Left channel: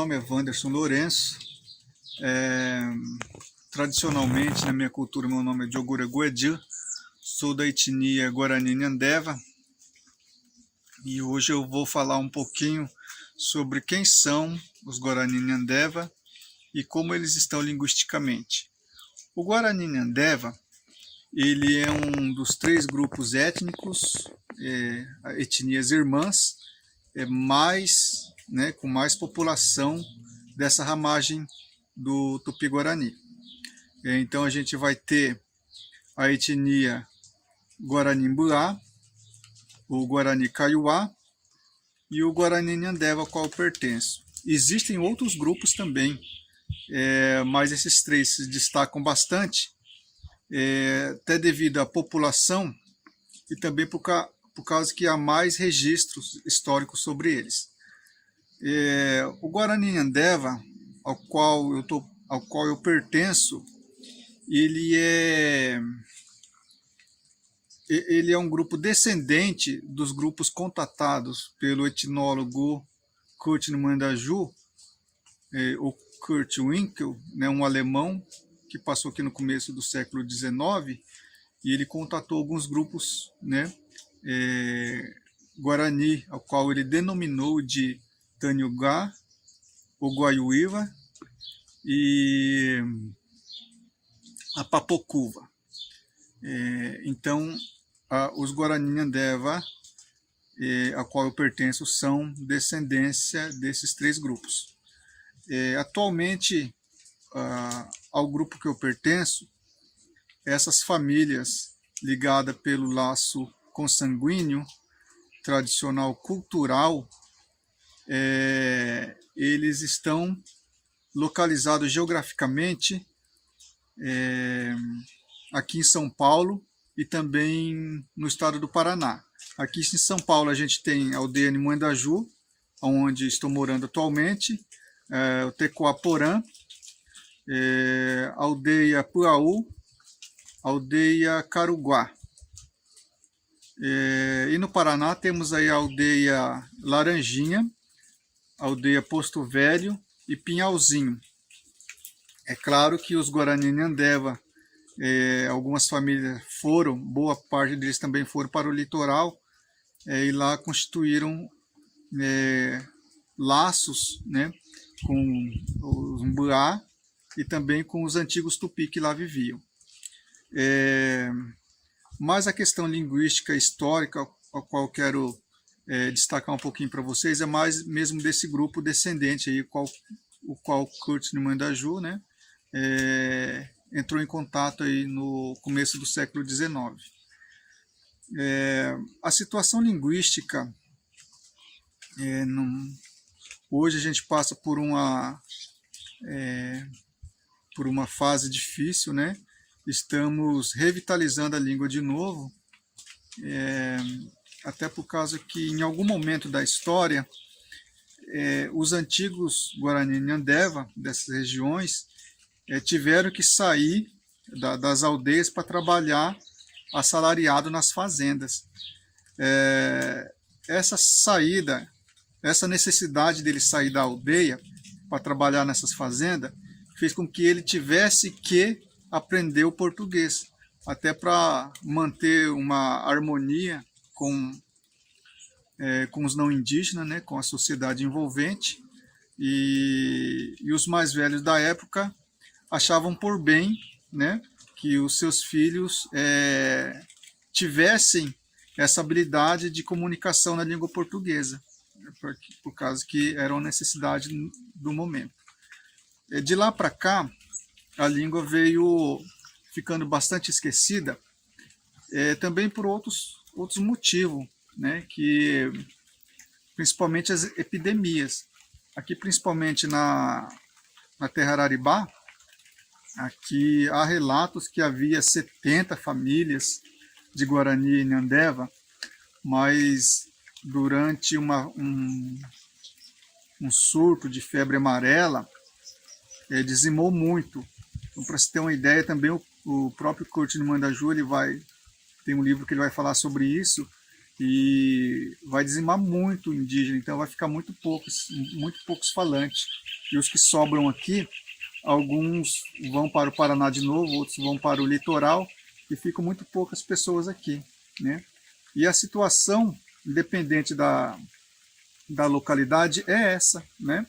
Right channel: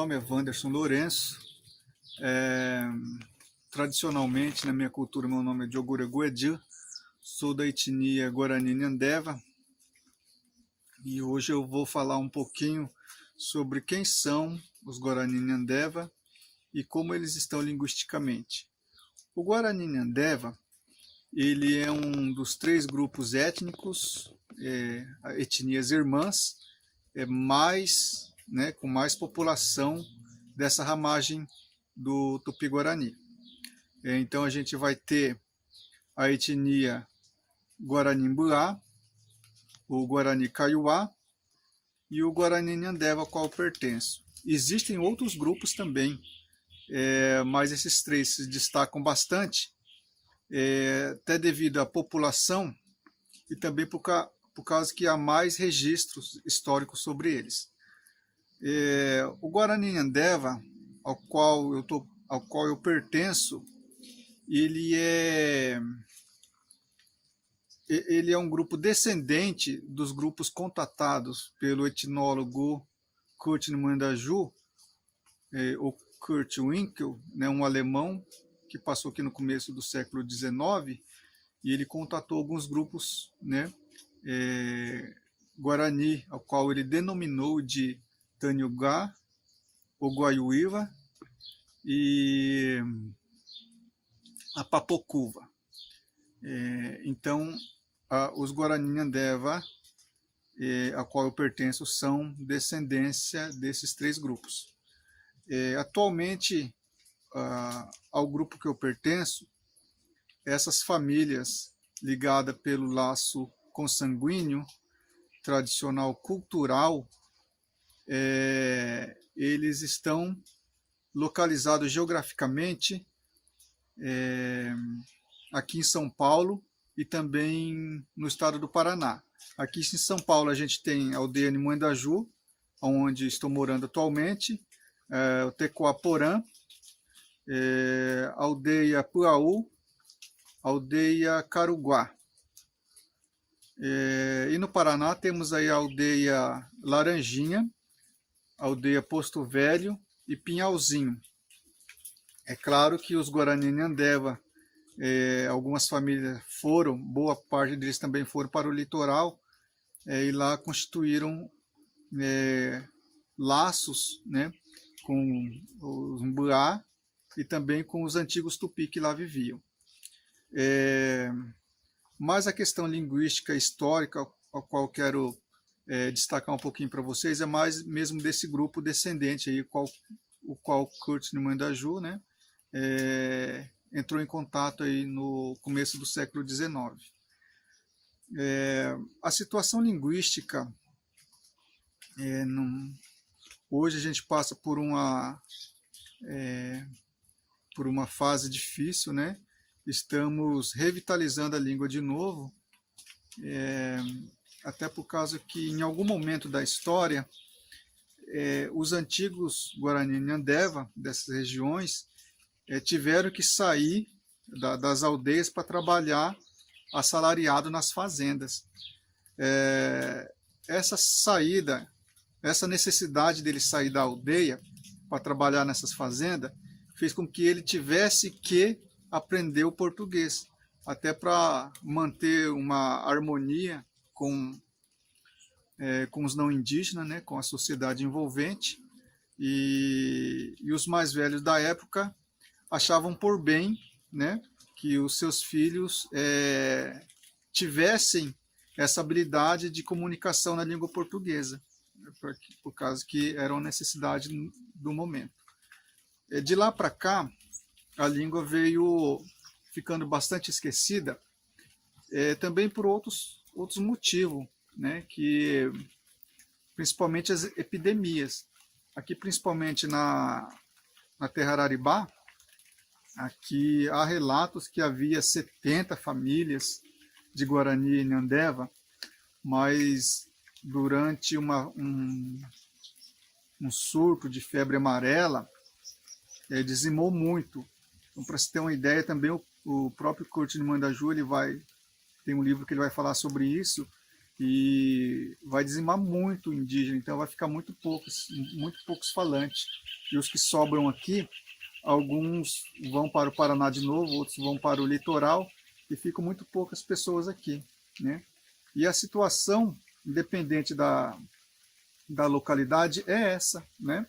nome é Wanderson Lourenço. Tradicionalmente, na minha cultura, meu nome é Diogura Guedi. Sou da etnia Guarani Nhandeva. E hoje eu vou falar um pouquinho sobre quem são os Guarani Nhandeva e como eles estão linguisticamente. O Guarani Nhandeva, ele é um dos 3 grupos étnicos, etnias irmãs, com mais população dessa ramagem do Tupi-Guarani. Então a gente vai ter a etnia Guarani-Mbuá, o Guarani Kaiowá e o Guarani Nhandeva, ao qual eu pertenço. Existem outros grupos também, mas esses 3 se destacam bastante, até devido à população e também por causa que há mais registros históricos sobre eles. O Guarani Nhandeva, ao qual eu pertenço, ele é um grupo descendente dos grupos contatados pelo etnólogo Kurt Mandaju, ou Kurt Winkel, um alemão que passou aqui no começo do século XIX, e ele contatou alguns grupos, Guarani, ao qual ele denominou de Taniugá, Oguaiuíva e Apapocuva. Então, os Guarani Nhandeva, a qual eu pertenço, são descendência desses 3 grupos. Atualmente, ao grupo que eu pertenço, essas famílias ligadas pelo laço consanguíneo, tradicional, cultural, eles estão localizados geograficamente aqui em São Paulo e também no estado do Paraná. Aqui em São Paulo a gente tem a aldeia Nimandaju, onde estou morando atualmente, o Tecoaporã, a aldeia Puaú, a aldeia Caruguá. E no Paraná temos aí a aldeia Laranjinha, a aldeia Posto Velho e Pinhalzinho. É claro que os Guarani Nhandeva, algumas famílias foram, boa parte deles também foram para o litoral, e lá constituíram laços, com os Mbuá e também com os antigos Tupi que lá viviam. Mas a questão linguística histórica, a qual eu quero destacar um pouquinho para vocês, é mais mesmo desse grupo descendente, aí, o qual Kurt Mandaju, entrou em contato aí no começo do século XIX. A situação linguística, hoje a gente passa por uma fase difícil, Estamos revitalizando a língua de novo, até por causa que em algum momento da história, os antigos Guarani Nhandeva dessas regiões tiveram que sair das aldeias para trabalhar assalariado nas fazendas. Essa saída, essa necessidade dele sair da aldeia para trabalhar nessas fazendas, fez com que ele tivesse que aprender o português, até para manter uma harmonia com os não indígenas, com a sociedade envolvente, e os mais velhos da época achavam por bem, que os seus filhos tivessem essa habilidade de comunicação na língua portuguesa, por causa que era uma necessidade do momento. De lá para cá, a língua veio ficando bastante esquecida, também por outros motivos, que principalmente as epidemias. Aqui, principalmente na Terra Araribá, aqui há relatos que havia 70 famílias de Guarani Nhandeva, mas durante um surto de febre amarela, dizimou muito. Então, para se ter uma ideia, também o próprio Kurt Mandaju, tem um livro que ele vai falar sobre isso. e vai dizimar muito o indígena, então vai ficar muito poucos falantes. E os que sobram aqui, alguns vão para o Paraná de novo, outros vão para o litoral, e ficam muito poucas pessoas aqui, né? E a situação, independente da localidade, é essa, né?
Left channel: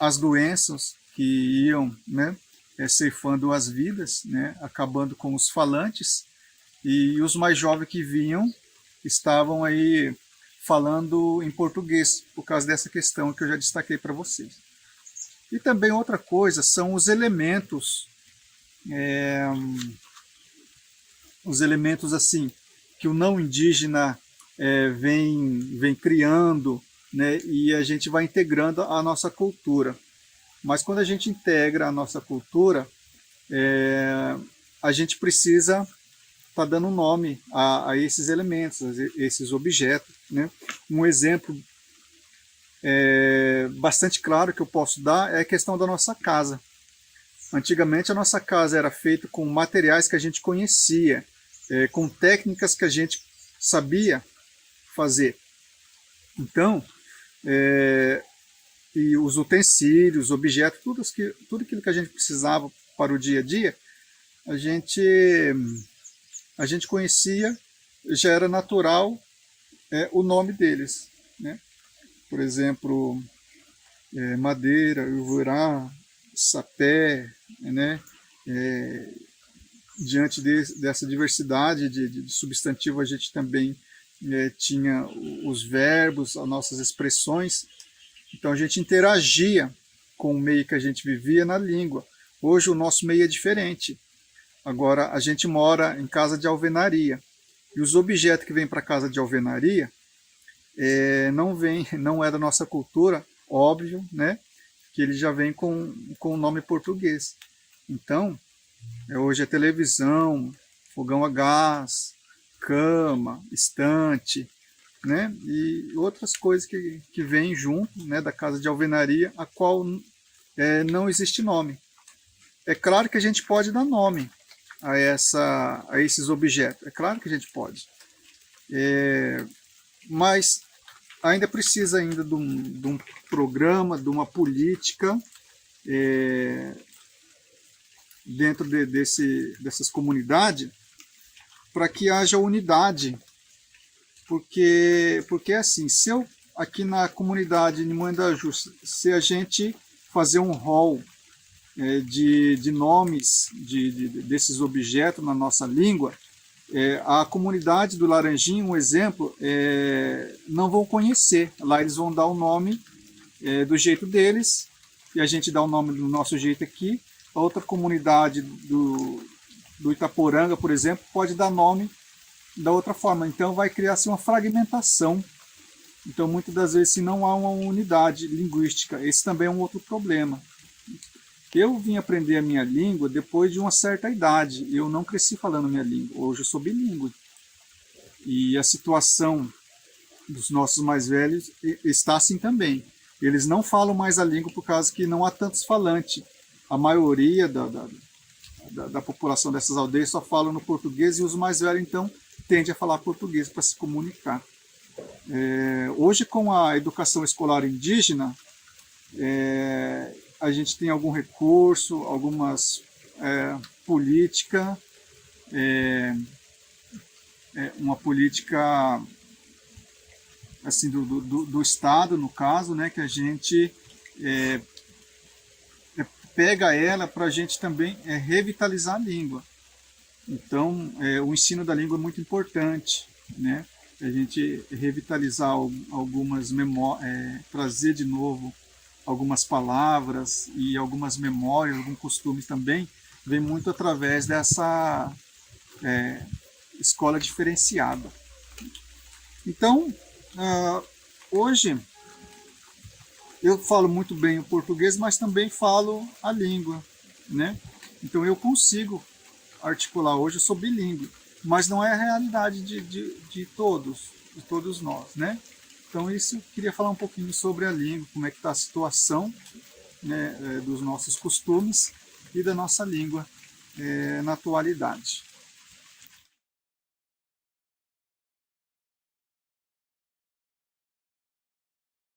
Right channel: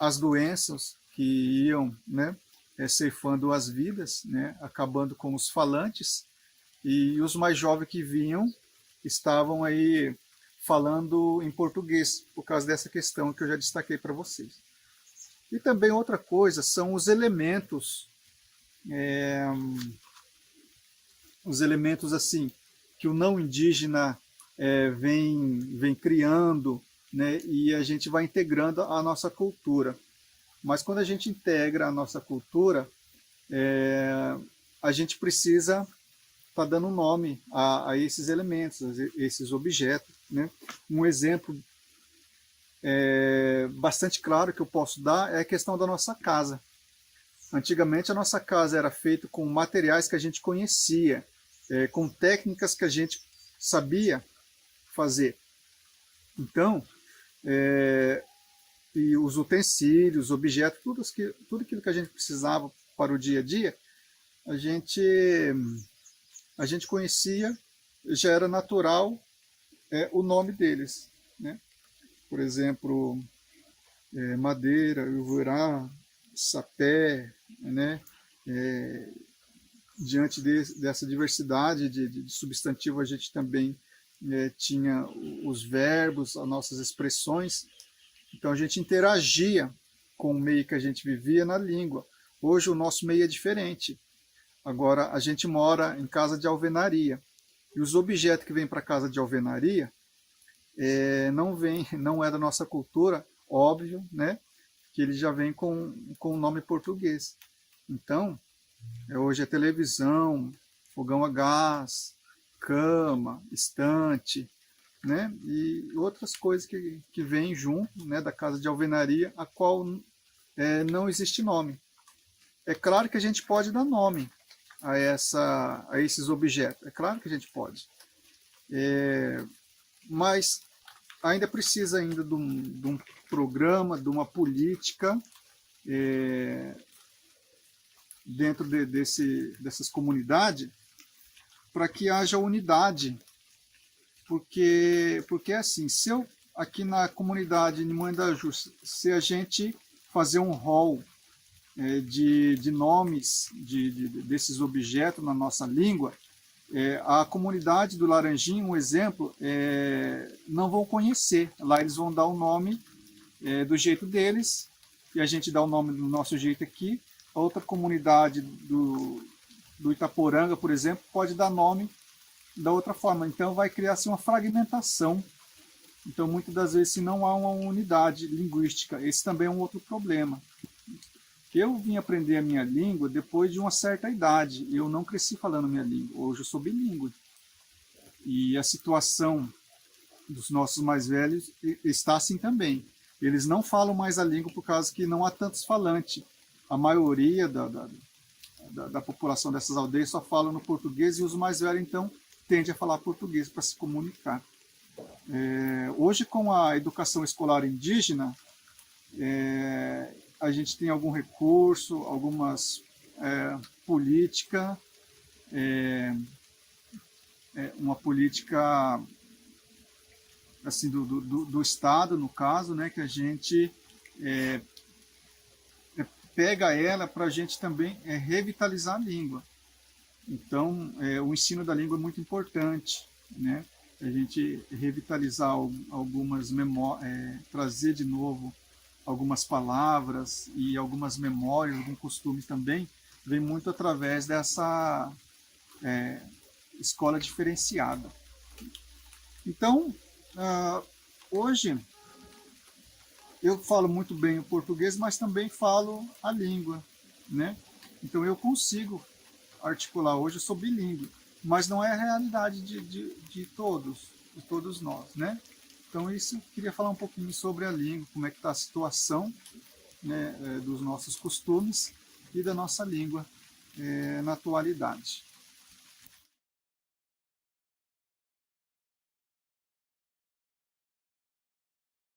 As doenças que iam, né, ceifando as vidas, né, acabando com os falantes, e os mais jovens que vinham estavam aí falando em português, por causa dessa questão que eu já destaquei para vocês. E também outra coisa são os elementos assim que o não indígena vem criando, né, e a gente vai integrando a nossa cultura. Mas quando a gente integra a nossa cultura, a gente precisa estar dando nome a esses elementos, a esses objetos, né? Um exemplo bastante claro que eu posso dar é a questão da nossa casa. Antigamente a nossa casa era feita com materiais que a gente conhecia, com técnicas que a gente sabia fazer. Então, e os utensílios, objetos, tudo aquilo que a gente precisava para o dia a dia, a gente conhecia, já era natural o nome deles, né? Por exemplo, madeira, uruá, sapé, né? Diante dessa diversidade de substantivo, a gente também tinha os verbos, as nossas expressões. Então a gente interagia com o meio que a gente vivia na língua. Hoje o nosso meio é diferente. Agora a gente mora em casa de alvenaria. E os objetos que vêm para casa de alvenaria não é da nossa cultura, óbvio, né? Que ele já vem com o nome português. Então, hoje é televisão, fogão a gás, cama, estante, né? E outras coisas que vêm junto, né, da casa de alvenaria, a qual não existe nome. É claro que a gente pode dar nome a esses objetos, é claro que a gente pode. Mas ainda precisa de um programa, de uma política dentro dessas comunidades para que haja unidade. Porque assim, se eu aqui na comunidade de Moendaju, se a gente fazer um rol de nomes desses objetos na nossa língua, a comunidade do Laranjinho, um exemplo, não vão conhecer. Lá eles vão dar o nome do jeito deles, e a gente dá o nome do nosso jeito aqui. A outra comunidade do Itaporanga, por exemplo, pode dar nome da outra forma. Então vai criar-se uma fragmentação. Então muitas das vezes, se não há uma unidade linguística, esse também é um outro problema. Eu vim aprender a minha língua depois de uma certa idade. Eu não cresci falando a minha língua. Hoje eu sou bilíngue. E a situação dos nossos mais velhos está assim também. Eles não falam mais a língua por causa que não há tantos falantes. A maioria da população dessas aldeias só fala no português, e os mais velhos, então, tendem a falar português para se comunicar. Hoje, com a educação escolar indígena, a gente tem algum recurso, algumas políticas, uma política assim, do Estado, no caso, né, que a gente pega ela para a gente também revitalizar a língua. Então, o ensino da língua é muito importante, né? A gente revitalizar algumas memórias, trazer de novo algumas palavras e algumas memórias, alguns costumes também, vem muito através dessa escola diferenciada. Então, hoje, eu falo muito bem o português, mas também falo a língua, né? Então eu consigo articular. Hoje eu sou bilíngue, mas não é a realidade de todos nós, né? Então isso, queria falar um pouquinho sobre a língua, como é que está a situação, né, dos nossos costumes e da nossa língua na atualidade.